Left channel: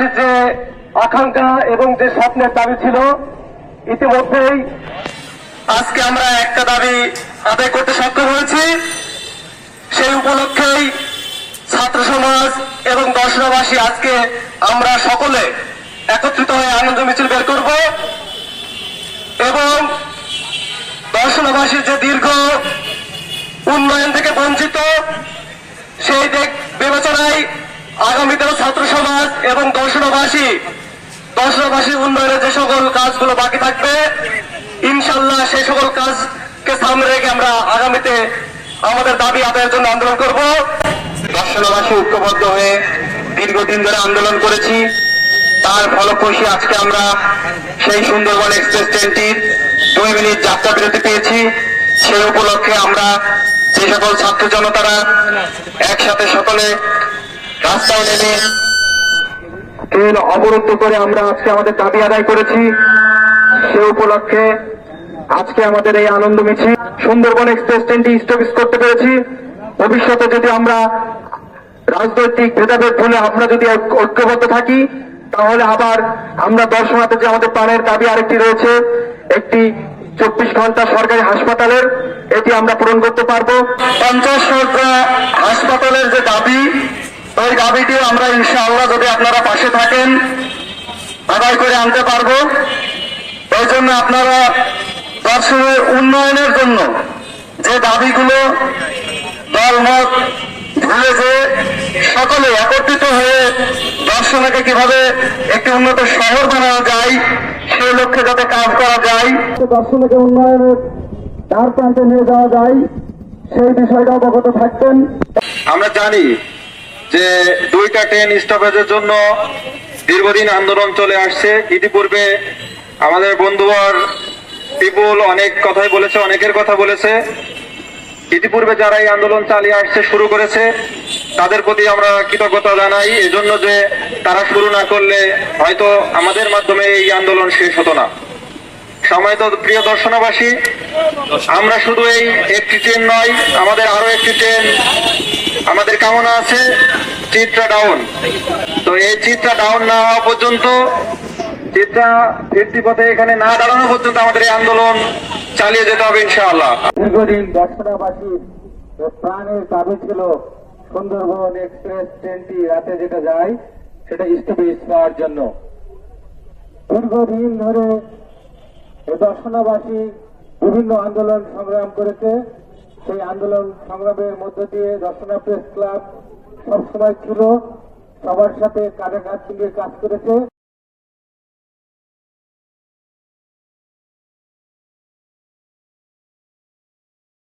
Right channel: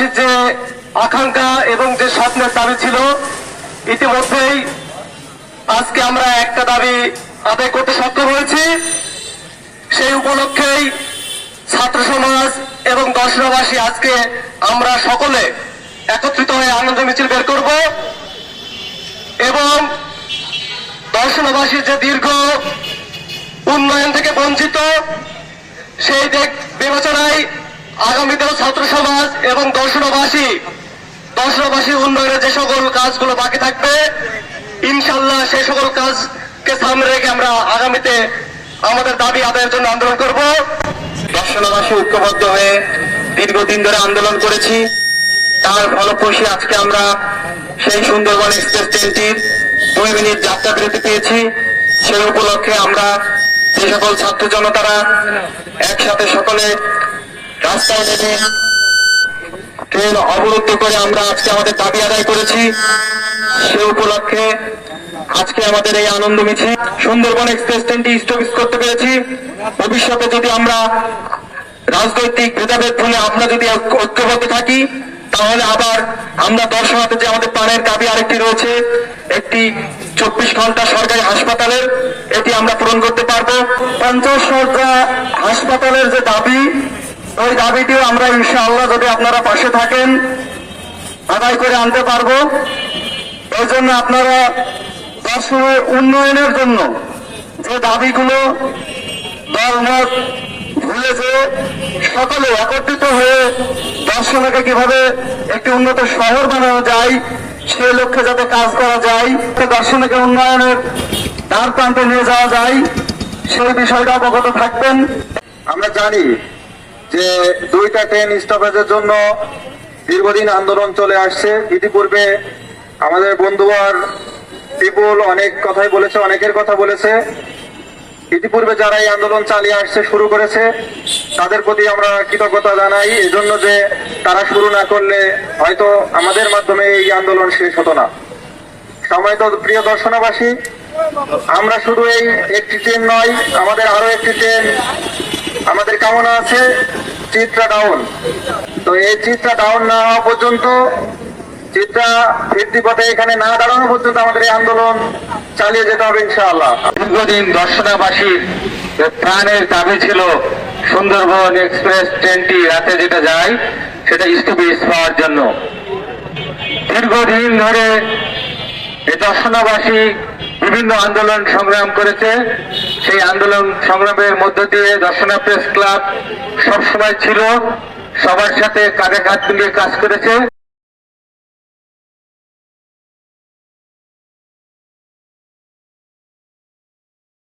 দর্শনবাসীর যে আকাঙ্ক্ষা এবং যে স্বপ্নের দাবি ছিল, ইতিমধ্যেই আজকে আমরা একটা দাবি আদায় করতে সক্ষম হয়েছি। সেই উপলক্ষেই ছাত্র সমাজ এবং দর্শনবাসী আজকে আমরা সকলে একত্রিত হয়ে আনন্দ মিছিল বের করব এবং দর্শনবাসীর যে দীর্ঘ উন্নয়ন থেকে বঞ্চিত, সেই দেখ বিবেচনায় আগামীতেও ছাত্র সমাজ এবং দর্শনবাসী দর্শনবাসী উন্নয়নের যে সকল কাজগুলো বাকি থাকবে ইনশাল্লাহ সেই সকল কাজকে সামনে রেখে আমরা আগামীতে আমাদের দাবি আদায়ের জন্য আন্দোলন করব। দর্শনবাসী ঐক্যবদ্ধ হয়ে দীর্ঘদিন ধরে আন্দোলন করেছি। তার ফলপ্রসূ আজকে আমরা সেই সুন্দরবন এক্সপ্রেস ট্রেনটির দুই মিনিট যাত্রা বিরতি পেয়েছি। সেই উপলক্ষে আমরা যে সকল ছাত্র জনতারা একসাথে সকলে রাস্তায় নেমে ট্রেন অবরুদ্ধ করে আমরা আজকে আমাদের দাবি আদায় করেছি। সে উপলক্ষে আজকে আমাদের এই আনন্দ মিছিল সুন্দরবন এক্সপ্রেস ট্রেনটি স্টপিস করতে পেরেছি। ভবিষ্যতে যদি আমরা রাজনৈতিক ভেদাভেদ ভুলে আমরা যদি ঐক্যবদ্ধ থাকি, তাহলে আবার আমরা দর্শনাতে যে আমাদের প্রাণের দাবি আরেকটি রয়েছে, একটি চব্বিশ ঘণ্টা সরকারি হাসপাতালের, এটি আমরা পূরণ করতে পারব। পঞ্চাশ হাসপাতালের যে দাবি ওই দাবিটিও আমরা ইনশাআল্লাহ যদি আপনারা পাশে থাকেন, আদায় করে আনতে পারব। এই জন্য আপনারা দর্শনের উন্নয়নের জন্য যে দাবিগুলো দল দলমত ভুলে যে সকলে একত্রিত হয়ে দর্শনকে কীভাবে একটি উন্নত শহর বানানো যায় সেই লক্ষ্যে যাতে কাজ করা যায় দর্শনকে উন্নয়নের দ্বার প্রান্তে নিয়ে যাওয়া যায়, সেই বিষয়টা অবগত থাকবেন। আমরা জানি যে দুইটা ট্রেন স্টপেজের জন্য দীর্ঘদিন আন্দোলন চলে আসছে। ইতিপূর্বে আমাদের বন্ধুবর পিপুল অনেক কথাই বলেছে, অনেকের কথা বলেছে। ইতিপূর্বে যারা এই আন্দোলন চালিয়ে আসছে শুরু করেছে, তাদের প্রতি আমরা কৃতজ্ঞতা জানাই। এজন্য যে তারা শুরু না করলে হয়তো আমাদের মাধ্যমে এই আন্দোলন শেষ হতো না। সম্মানিত প্রিয় দর্শনবাসী, আমরা শুধু এই একটি ট্রেন নয়, আমাদের আরও একটি ট্রেন আমাদের কামনা আছে, চিত্রা ডাউন তো এই চিত্রা ডাউন না হওয়া পর্যন্ত, চিত্রা ফিরতি পথে এখানে না দাঁড়ানো পর্যন্ত আমাদের এই আন্দোলন চালিয়ে যেতে হবে ইনশাআল্লাহ। দীর্ঘদিন দর্শনাবাসীর প্রাণের দাবি ছিল, সুন্দরবন এক্সপ্রেস ট্রেনটি রাতে যেটা যায়, সেটা স্থবির পাওয়ার জন্য। দীর্ঘদিন ধরে এই দর্শনাবাসী বিভিন্ন আন্দোলন সংগ্রাম করেছে। সেই আন্দোলন সংগ্রামের মধ্য দিয়ে দর্শনা প্রেস ক্লাব সবসময় ছিল, সবার সাথে কাঁধে কাঁধ মিলিয়ে কাজ করেছে।